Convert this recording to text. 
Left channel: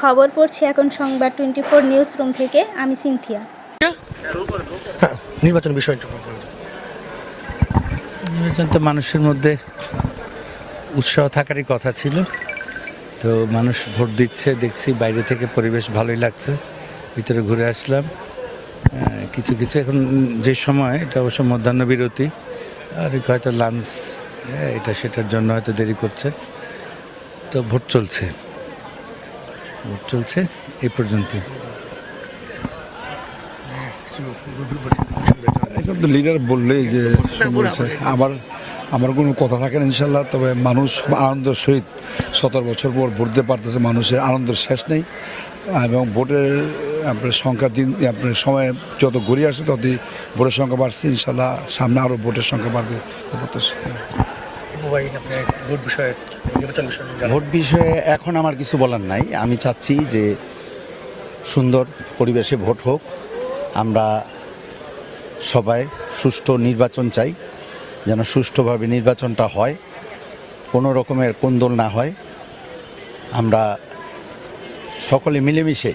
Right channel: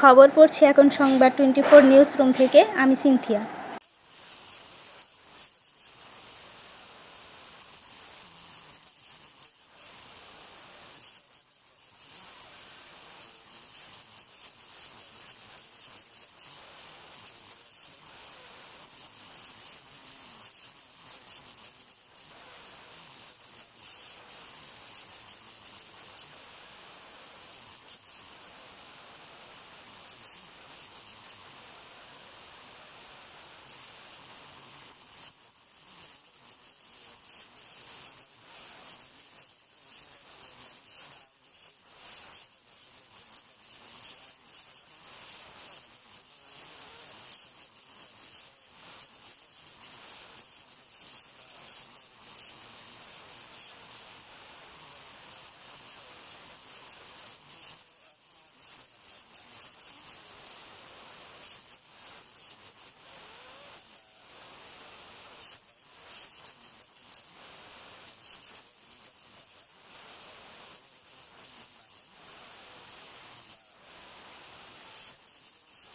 খবর পড়ছি এখন সংবাদ টোয়েন্টি ফোর নিউজ রুম থেকে। আমি সিনথিয়া। হ্যাঁ নির্বাচন বিষয়টা নির্বাচন তো মানুষের মধ্যে উৎসাহ থাকারই কথা ছিল। তো মানুষ ভোট দিচ্ছে দেখছি বাইরে থেকে পরিবেশ ভালোই লাগছে। ভিতরে ঘুরে আসলাম। কিছু কিছু এখন যে সময় এটা অবশ্য মধ্যাহ্ন বিরতি। আর হয়তো লাঞ্চ এটা সেটার জন্য হয়তো দেরি করছে। তো ভোট চলছে। চলছে এই পর্যন্ত লিডার বললেই যে আমার আমার কোনো কথা থাকে না ইনশাল্লাহ, তবে মানুষ আনন্দের সহিত সতেরো বছর পর ভোট দিতে পারতেছে, মানুষের আনন্দের শেষ নেই। এবং ভোটের, আপনার সংখ্যা দিন, আপনার সময় যত গড়িয়ে আসছে, ততই ভোটের সংখ্যা বাড়ছে। ইনশাল্লাহ সামনে আরও ভোটের সংখ্যা বাড়বে। ভোট বিষয়ে এখন আমার কিছু বলার নাই। আমি চাচ্ছি যে সুন্দর পরিবেশে ভোট হোক। আমরা সবাই সুষ্ঠু নির্বাচন চাই, যেন সুষ্ঠুভাবে নির্বাচনটা হয়। কোনো রকমের কোন্দল না হয়। আমরা সকলে মিলেমিশে